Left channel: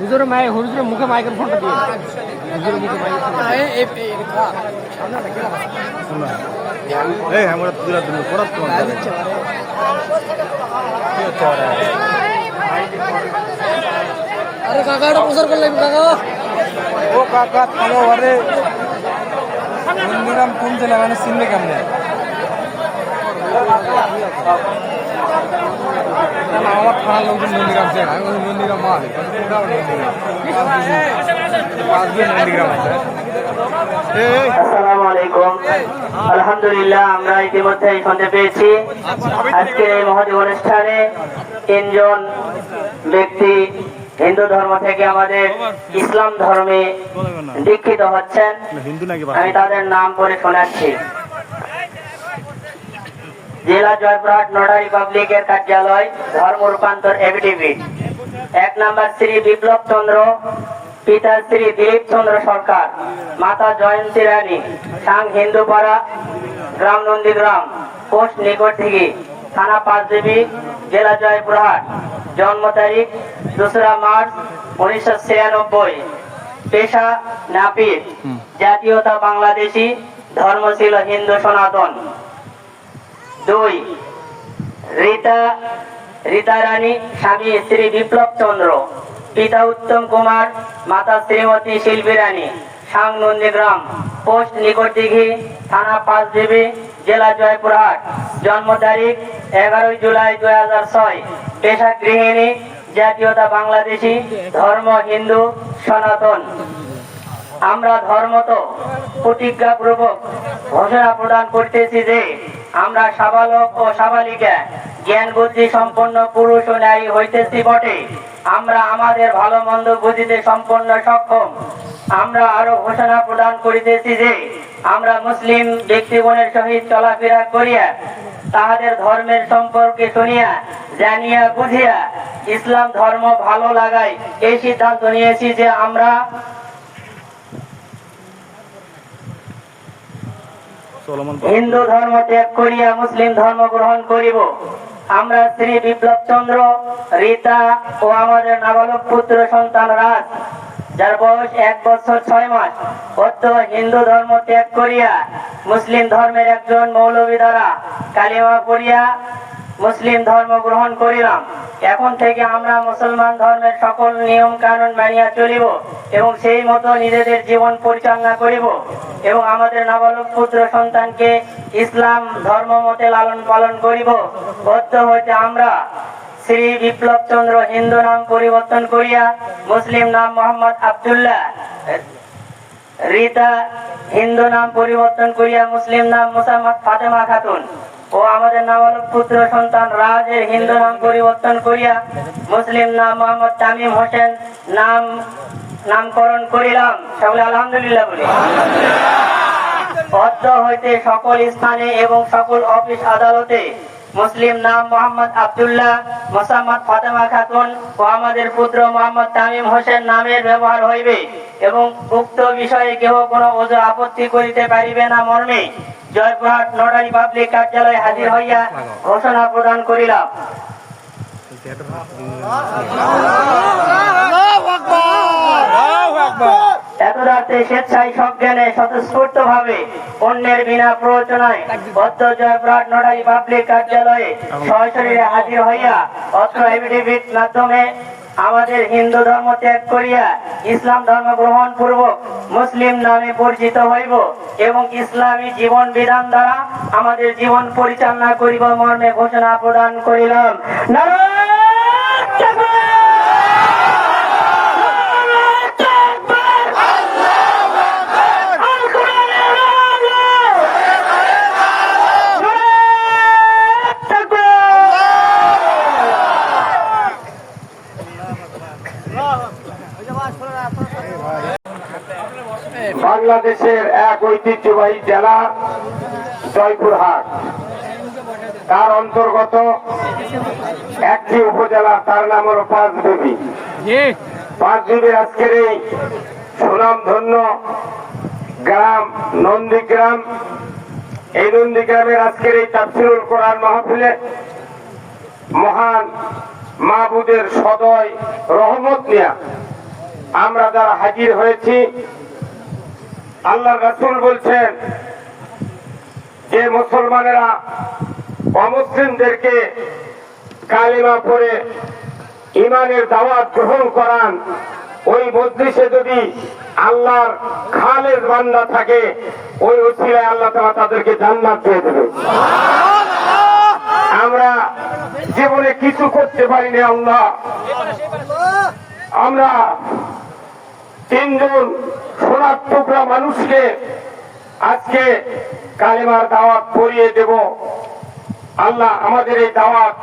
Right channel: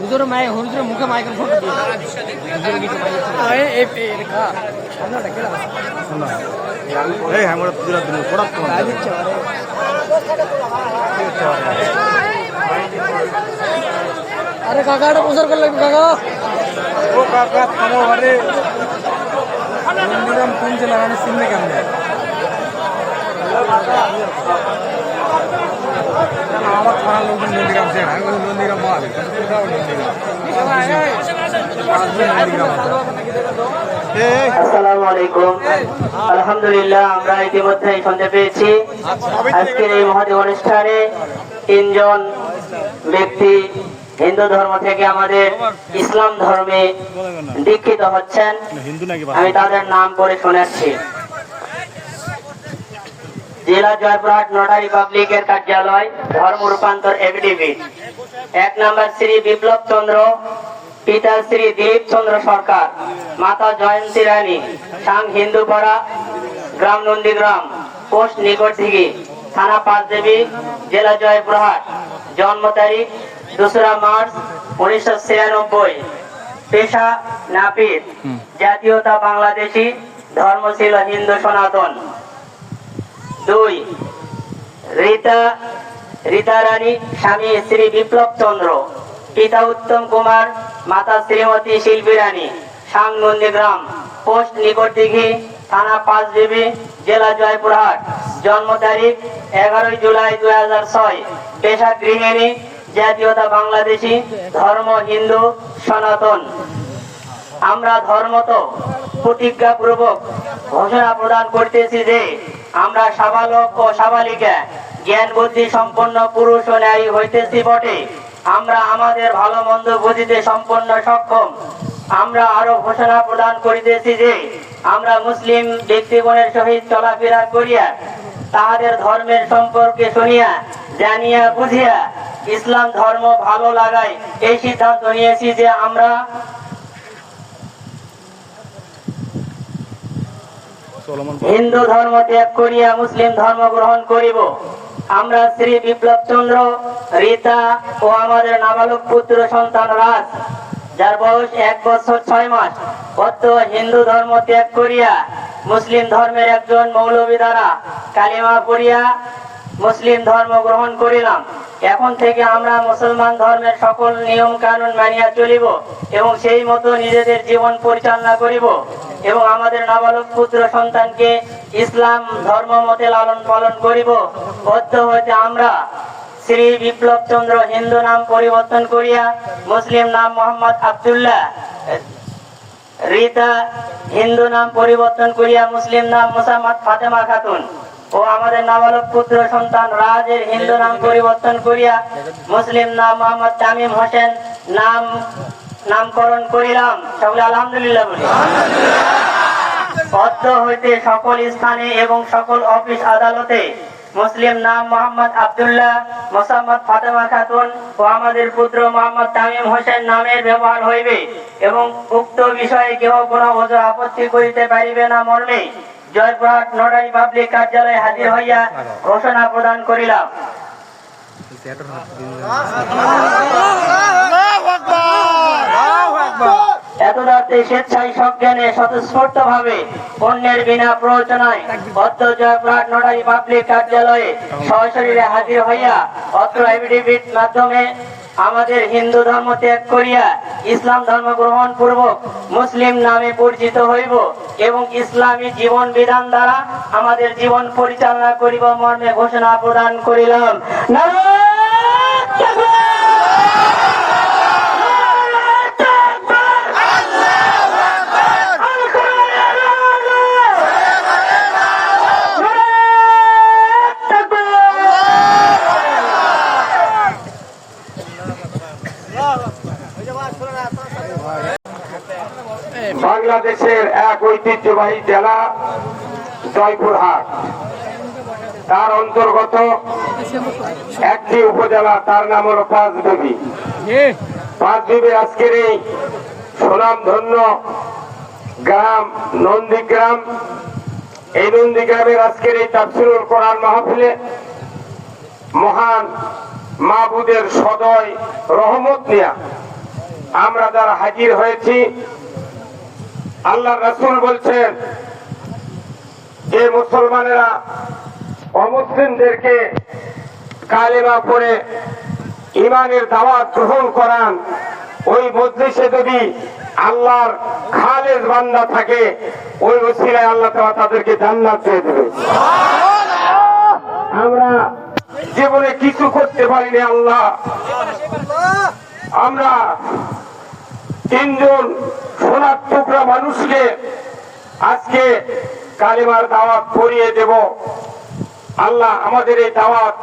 হুজুরের মায়ে হুজুরের মুখে মাইক্রোফোন দিয়ে। হুজুরের কিছু এই আমরা দুরা দিন পড়াত তোমার আরে কাকা এটা প্রচার করলে কাকা? ও কাকা থামো আরে নন্দীরাম কোন জেলা মানে চিনলে কেমনে না আমার থানার লোকজন আমি বলি এই আসসালামু আলহামদুলিল্লাহ, আমরা ইতিমধ্যে শুনতে পেয়েছি। আজকে এই মহতি অনুষ্ঠানে তিনজন ব্যক্তি হিন্দু ধর্ম থেকে আমাদের ইসলাম ধর্মে দীক্ষিত হচ্ছেন। আমি তাদের নাম করে শোনাচ্ছি। জেলা জয়পুরহাট নোডারি পাবলিকের কার্যালয় ধর্ম রূপান্তর এভিডেভিট এক নম্বর শ্রী বিপ্লব চন্দ্র পিতা শ্রী দিলীপ চন্দ্র সরকার মাতা জয়ন্তী রানী সাং হিন্দুপাড়া গ্রাম নন্দীগ্রাম পোস্ট নিকটদিঘি থানা পাঁচদেবী জেলা জয়পুরহাট। জন্ম তারিখ দোসরা মার্চ উনিশশো ছিয়ানব্বই। পেশা নাপিত। জাতীয়তা বাংলাদেশি ধর্ম ছিল হিন্দু সনাতন। দুই, রীতা রীতা রানী, স্বামী শ্রী বিপ্লব চন্দ্র। পিতা উত্তম কুমার, মাতা শ্রীমতী শিল্পী রানী। সাং নন্দীগ্রাম পোস্ট নিকটদিঘি, থানা পাঁচদেবী জেলা জয়পুরহাট। জন্ম তারিখ, এগারোই জুলাই দুই হাজার ছয়। পেশা গৃহিণী জাতীয়তা বাংলাদেশি, ধর্ম হিন্দু, সনাতন। আমরা ধর্মত প্রতিজ্ঞাপূর্বক ঘোষণা প্রদান করতেছি যে আমরা সাবালক ও সাবালিকা, জ্ঞান, বুদ্ধি সম্পন্ন পুরুষ ও নারী হইতেছি বটে। আমরা আমাদের ভালো মন্দ বুঝিতে সম্পন্ন সক্ষম। আমরা আরও ঘোষণা প্রদান করিতেছি যে আমরা মুসলিম ব্যক্তিগণের সহিত চলাফেরা করিয়া তাহাদের ধর্মের সম্পর্কে শুনিয়া, জানিয়া, বুঝিয়া ইসলাম ধর্ম ভালো লাগাই এই সিদ্ধান্ত নিয়েছি যে আমরা হিন্দু ধর্ম ত্যাগ করিয়া মুসলিম ধর্ম গ্রহণ করিব। আমরা শ্রী বিপ্লব চন্দ্র, রীতা ও আমাদের নাবালক পুত্র সন্তান রাজ, যার বয়স এক বছর ছয় মাস। অত হিন্দু ধর্ম ত্যাগ করিয়া মুসলিম ধর্মের একজন মৌলবী দ্বারা কালিমা পড়িয়া মুসলিম ধর্ম গ্রহণ করিলাম। এখন থেকে আমরা মুসলমান ধর্মের সকল নিয়ম কানুন মানিয়া চলিব এবং সেই মতো নিজেদের জীবন পরিচালনা করিব এবং আমাদের নাবালক পুত্র সন্তানকে ইসলাম ধর্ম মতে লালন পালন করিব। বদ্ধ হইতে আমরা শ্রী বিপ্লব চন্দ্র হিন্দু নাম পরিবর্তন করিয়া মুসলিম নাম মোহাম্মদ আবদুল্লাহ, রীতা হিন্দু নাম পরিবর্তন করিয়া মুসলিম নাম মুসাম্মদ ফাতেমা খাতুন। ও আমাদের নাবালক পুত্র সন্তান রাজের হিন্দু নাম পরিবর্তন করিয়া মুসলিম নাম মোহাম্মদ তামিম হোসেন নাম, নামকরণ করিলাম। সকলে আলহামদুলিল্লাহ বলি। অর্থ হইতে সকল স্থানে এবং সকল অফিস আদালতে মুসলিম নাম মোহাম্মদ আব্দুল্লাহ, মোসাম্মদ ফাতেমা খাতুন ও আমাদের পুত্র মোহাম্মদ তামিম হোসেন নামের ব্যবহার হইবে এবং উক্ত বিষয়ে কেহ কোনো ওজোর আপত্তি করিতে পারিবে না মর্মে। জয়পুরহাট নোটারি পাবলিক কার্যালয়ে হাজির হইয়া ঘোষণা প্রদান করিলাম। আমাদের হিন্দু ধর্ম ত্যাগ করিয়া ইসলাম ধর্ম গ্রহণ পূর্বক মুসলিম নামে পরিচিত হইব এবং ইসলামী জীবন বিধান দ্বারা আমাদের জীবন পরিচালনা করিব মর্মে ঘোষণা প্রদান করিলাম। ঐতিহ্যবাহী জেলা জয়পুরহাট। তার অন্তর্গত একটি উপজেলা তার নাম হল পাঁচদেবী পাঁচদেবীর আজকের এই সুনাম ধন্য গ্রাম নন্দীগ্রাম। এই নন্দীগ্রামের আজকের এই তাফসিরুল কোরআন মাহফিলে মহান মাহবুদের সদয় রহমত নিয়া আমরা যারা হাজির হয়েছি আল্লাহ রাসূল বলছেন যে মুসলমানেরা অমুসলিমদেরকে কালেমা পড়ে ইমানের দাওয়াত গ্রহণ করান ওই মজলিসে যদি আল্লাহর খালেদ বান্দা থাকে ওই ওসিলায় আল্লাহ তাআলা তাদেরকে জান্নাত দিয়ে দেবে। আমরা জীবনে কিছু করতে পারিনি আল্লাহ। আমরা তিনজন সোনার টুকরা মানুষকে আজকে কালেমার দাওয়াত পড়িয়ে দেব। আল্লাহ আমাদের এই দাওয়াত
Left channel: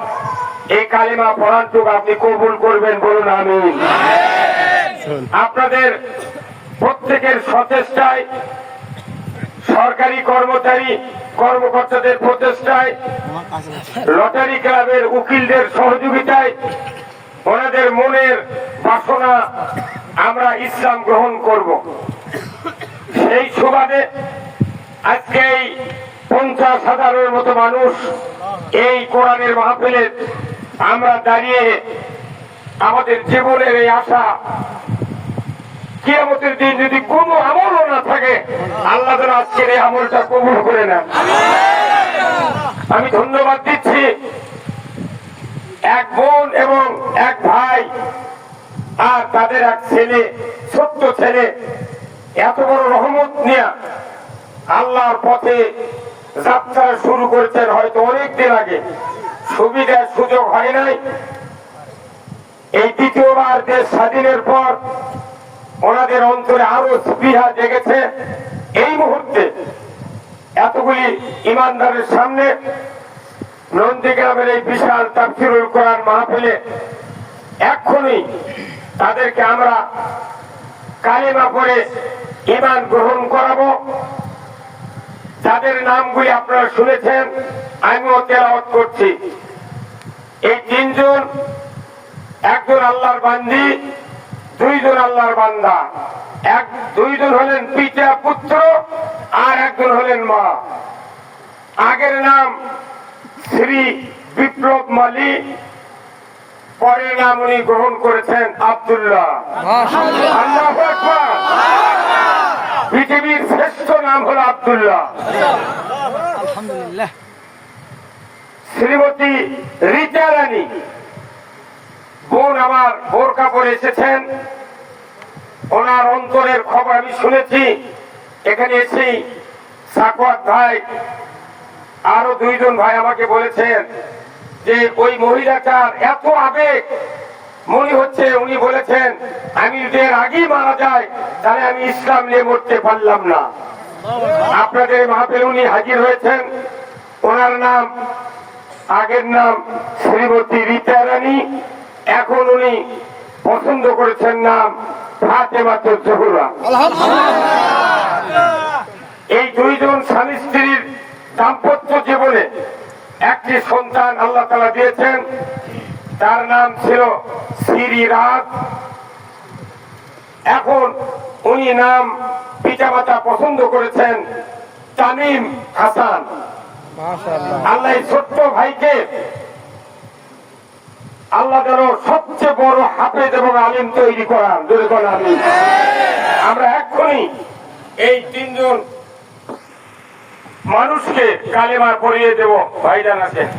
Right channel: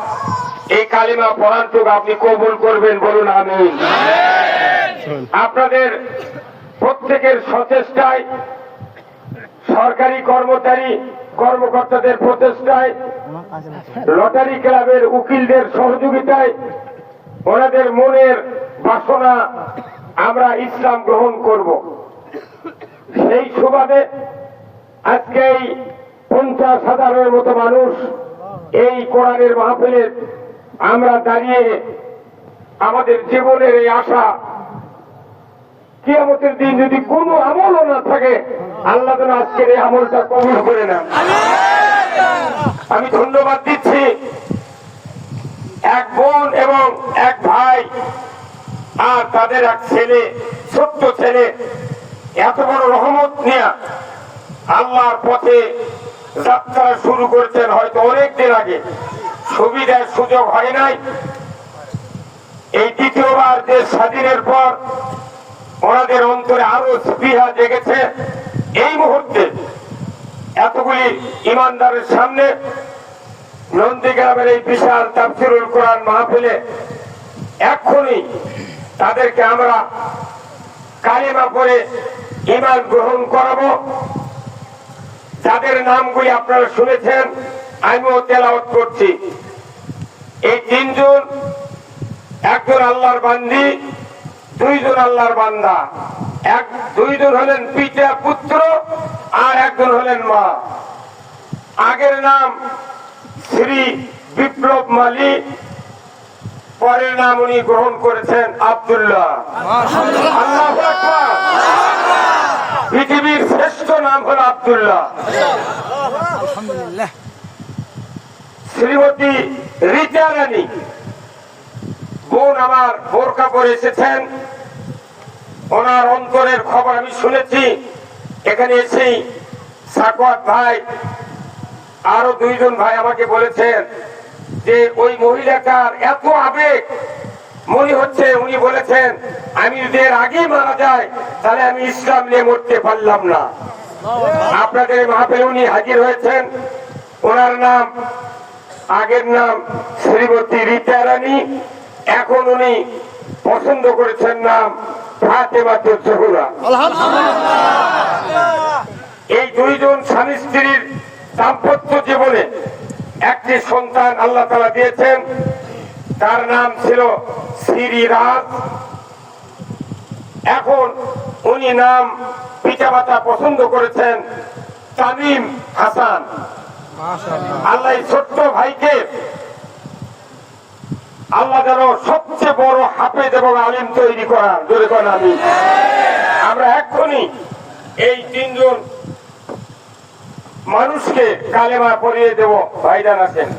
এই কালেমা পড়ার পড়ান্তুক আপনি কবুল করবেন বলুন আমি আপনাদের প্রত্যেকের সচেষ্টায় সরকারি কর্মচারী কর্মকর্তাদের প্রচেষ্টায় লটারি ক্লাবের উকিলদের সহযোগিতায় ওনাদের মনের বাসনা আমরা ইসলাম গ্রহণ করব। সেই সুবাদে আজকে এই পঞ্চাশ হাজারের মতো মানুষ এই কোরআনের মাহফিলে আমরা দাঁড়িয়ে আমাদের জীবনের এই আশা, কিয়ামতের দিন যদি কোনো আমলও না থাকে, আল্লাহ যেন আজকের এই আমলটা কবুল করে নেন। আমি ধন্যবাদ দিচ্ছি এক বোন এবং এক ভাই। আর তাদের এক ছেলে, ছোট্ট ছেলে, এত বড় রহমত নিয়ে আল্লাহর পথে যাত্রা শুরু করেছেন হয়তো অনেক দিন আগে। সুবিধার সুযোগ হয় নাই। এই দ্বিতীয়বার দেশ স্বাধীনের পর ওনাদের অন্তরে আরও স্পৃহা জেগেছে। এই মুহূর্তে এতগুলি ইমানদারের সামনে নন্দীগ্রামের এই বিশাল তাফসিরুল কোরআন মাহফিলে এক্ষুনি তাদেরকে আমরা কালেমা করে ইমান গ্রহণ করাবো। যাদের নামগুলি আপনারা শুনেছেন, আমিও তেলাওয়াত করছি। এই তিনজন, একজন আল্লাহর বান্দি, দুইজন আল্লাহর বান্দা। এক, দুইজন হলেন পিতা পুত্র, আর একজন হলেন মা। আগের নাম শ্রী বিপ্লব মালিক পরের নাম উনি গ্রহণ করেছেন আব্দুল্লাহ। পৃথিবীর শ্রেষ্ঠ নাম হল আব্দুল্লাহ। শ্রীমতী রিচা রানী। বোন আমার বোরকা পরে এসেছেন। ওনার অন্তরের খবর আমি শুনেছি। এখানে এসেই সাকওয়াত ভাই আরও দুইজন ভাই আমাকে বলেছেন যে ওই মহিলাটার এত আবেগ মনে হচ্ছে উনি বলেছেন আমি যদি এর আগেই মারা যায় তাহলে আমি ইসলাম নিয়ে মরতে পারলাম না। আপনাদের মাহফিল উনি হাজির হয়েছেন। ওনার নাম আগের নাম শ্রীমতী রীতা রানী। এখন উনি পছন্দ করেছেন নাম এই দুইজন স্বামী স্ত্রীর দাম্পত্য জীবনে একটি সন্তান আল্লাহ তালা দিয়েছেন তার নাম ছিল শ্রী রাজ। এখন উনি নাম পিতামাতা পছন্দ করেছেন তামিম হাসান। আল্লাহ ছোট্ট ভাইকে আল্লাহ যেন সবচেয়ে বড় হাফেজ এবং আলিম তৈরি করান। জোরে করেন আমরা এক্ষুনি এই তিনজন মানুষকে কালেমা পড়িয়ে দেব। ভাইজান আছেন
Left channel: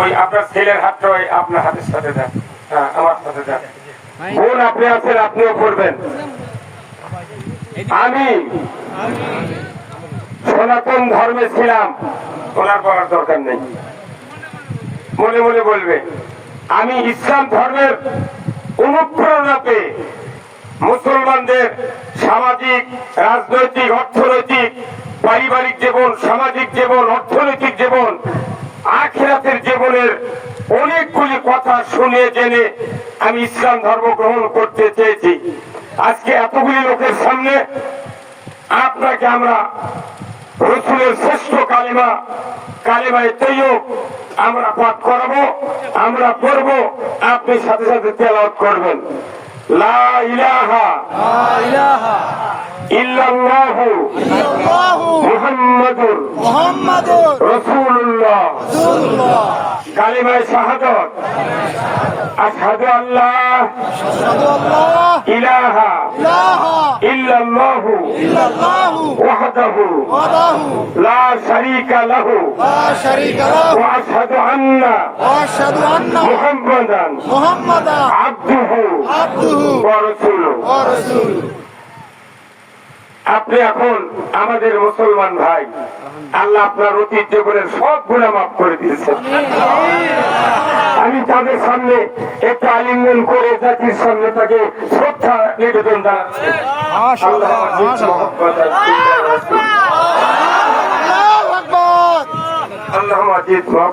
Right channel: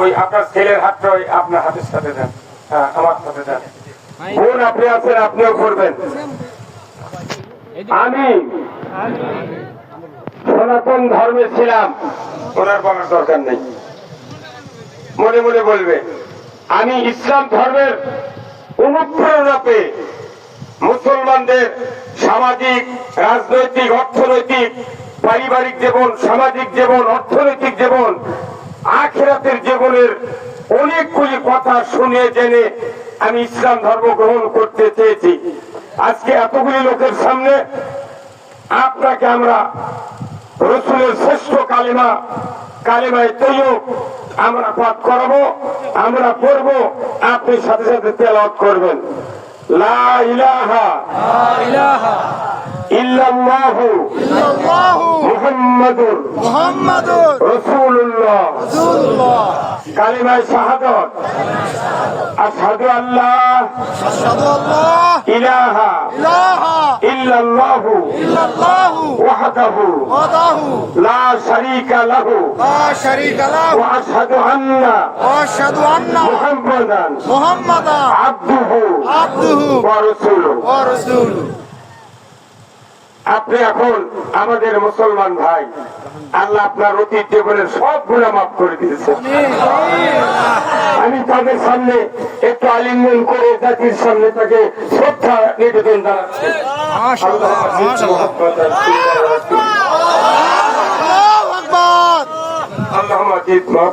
ওই আপনার ছেলের হাতটা ওই আপনার হাতের সাথে দেন। হ্যাঁ আমার সাথে দেন। বোন, আপনি আছেন, আপনিও করবেন আমি সনাতন ধর্মে ছিলাম। ওনার বলার দরকার নেই। মনে মনে বলবে, আমি ইসলাম ধর্মের অনুপ্রেরণাতে মুসলমানদের সামাজিক, রাজনৈতিক, অর্থনৈতিক পারিবারিক জীবন, সামাজিক জীবন, অর্থনৈতিক জীবন, আখেরাতের জীবনের অনেকগুলি কথা শুনে জেনে আমি ইসলাম ধর্ম গ্রহণ করতে চেয়েছি। আজকে এতগুলি লোকের সামনে আপনাকে আমরা রসুলের শ্রেষ্ঠ কালিমা, কালিমায় তৈয়ব আমরা পাঠ করাবো, আমরা পড়ব, আপনি সাথে সাথে তেলাওয়াত করবেন। লা ইলাহা লা ইলাহা ইল্লাল্লাহু মুহাম্মাদুর রাসূলুল্লাহ। কালিমায়ে শাহাদাত। আশহাদু আল্লাহ ইলাহা ইল্লাল্লাহু ওয়াহদাহু লা শারীকা লাহু ওয়া আশহাদু আন্না মুহাম্মাদান আবদুহু ওয়া রাসূলুহু। আপনি এখন আমাদের মুসলমান ভাই আল্লাহ আপনার অতীত জীবনের সব গুণা মাফ করে দিয়েছেন আমি তাদের সামনে একটু আলিঙ্গন করে জাতির সামনে তাকে শ্রদ্ধা নিবেদন জানাচ্ছি। আল্লাহ মাজিদ দাও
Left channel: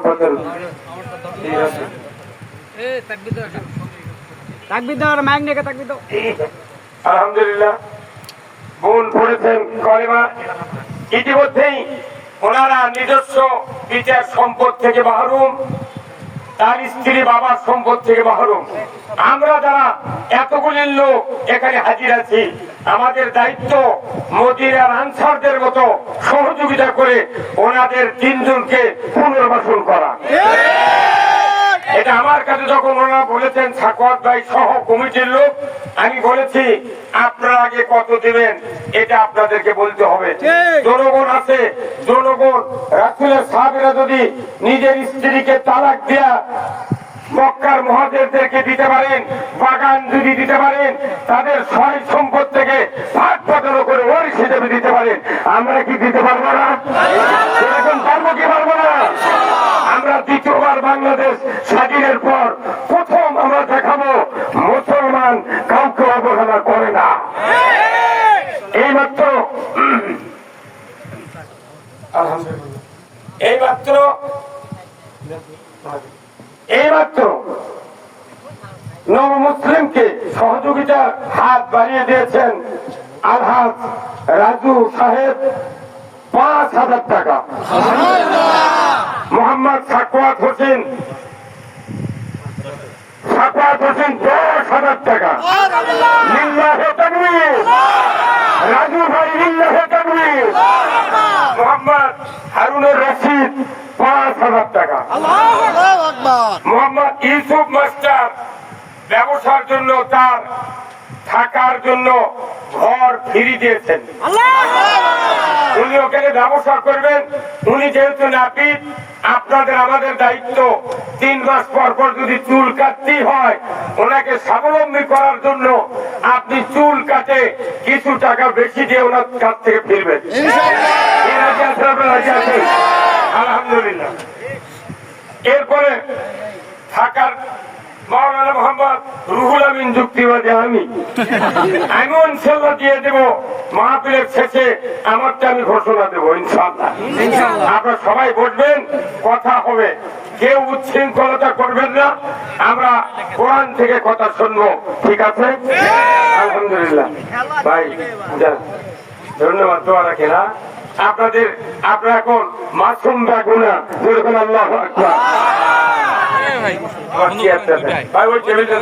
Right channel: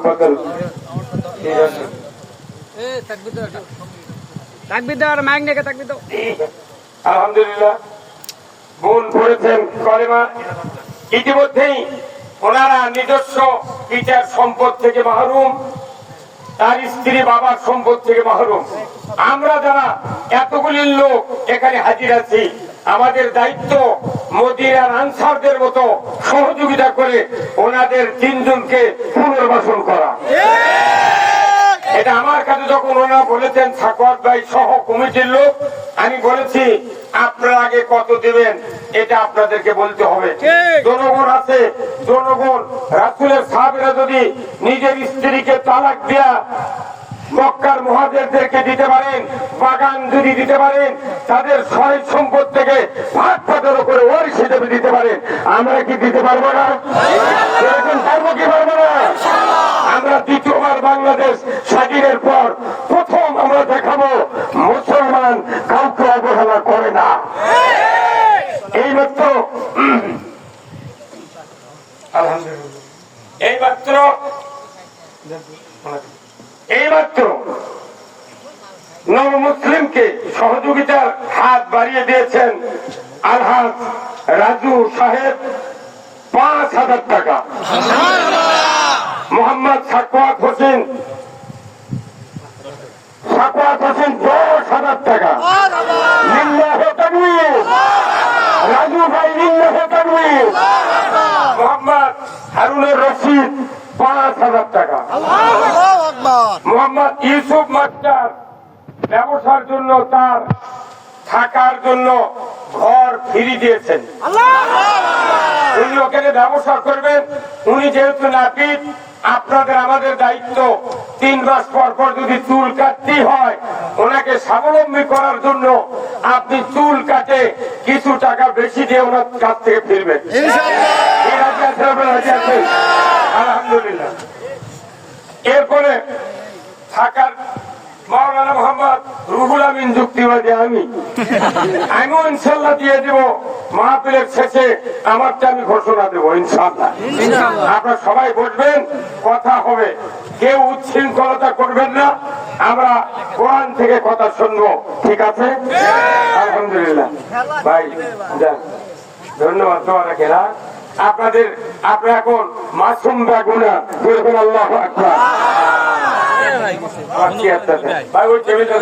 আলহামদুলিল্লাহ। বোন পড়েছেন কলেমা। ইতিমধ্যেই ওনারা নিজস্ব পিতার সম্পদ থেকে মাহরুম, তার স্ত্রী বাবার সম্পদ থেকে মাহরুম। আমরা যারা এতগুলি লোক এখানে হাজির আছি, আমাদের দায়িত্ব মদিনার আনসারদের মতো সহযোগিতা করে ওনাদের তিনজনকে পুনর্বাসন করা। এটা আমার কাছে যখন ওনারা বলেছেন সাকওয়াত ভাই সহ কমিটির লোক আমি বলেছি আপনারা আগে কত দিবেন এটা আপনাদেরকে বলতে হবে। জনগণ আছে জনগণ রাসুলের সাহাবিরা যদি নিজের স্ত্রীকে তালাক দেয়া মক্কার মহাদেরদেরকে দিতে পারেন বাগান যদি দিতে পারেন তাদের সয় সম্পদ থেকে ভাগ পাতের উপরে ওয়ারিশ হিসেবে দিতে পারেন আমরা কি দিতে পারব না? এরকম পারব কি পারব না? আমরা দ্বিতীয়বার বাংলাদেশ স্বাধীনের পর প্রথম আমরা দেখাবো মুসলমান কাউকে অবহেলা করে না। এইমাত্র আলহামদুলিল্লাহ। এইমাত্র এইমাত্র নব মুসলিমকে সহযোগিতার হাত বাড়িয়ে দিয়েছেন আলহাজ রাজু সাহেব পাঁচ হাজার টাকা। মোহাম্মদ সাকওয়াত হোসেন। হোসেন দশ হাজার টাকা। রাজু ভাই মোহাম্মদ হারুনের রশিদ, পাঁচ হাজার টাকা। মোহাম্মদ ইউসুফ মাস্টার, ব্যবসার জন্য তার, থাকার জন্য ঘর ফিরিয়ে দিয়েছেন। উনি ওখানে ব্যবসা করবেন। উনি যেহেতু নাপিত আপনাদের আমাদের দায়িত্ব। তিন মাস পর পর যদি চুল কাটতেই হয় ওনাকে স্বাবলম্বী করার জন্য আপনি চুল কাটে কিছু টাকা বেশি দিয়ে ওনার কাছ থেকে ফিরবেন। আলহামদুলিল্লাহ। এরপরে থাকার মাওলানা মোহাম্মদ রুহুল আমিন যুক্তিবাদী আমি। আমি ইনশাল্লাহ দিয়ে দেব মাহফিলের শেষে আমারটা আমি ঘোষণা দেবো ইনশাল্লাহ আপনারা সবাই বসবেন কথা হবে। কেউ উচ্ছৃঙ্খলতা করবেন না আমরা কোরআন থেকে কথা শুনব ঠিক আছে? আলহামদুলিল্লাহ। ভাই ধন্যবাদ তোমার খেলা আপনাদের আপনারা এখন মাসুম বাগুনা বলবেন আল্লাহ আকবার। ভাই ওই টেবিলটা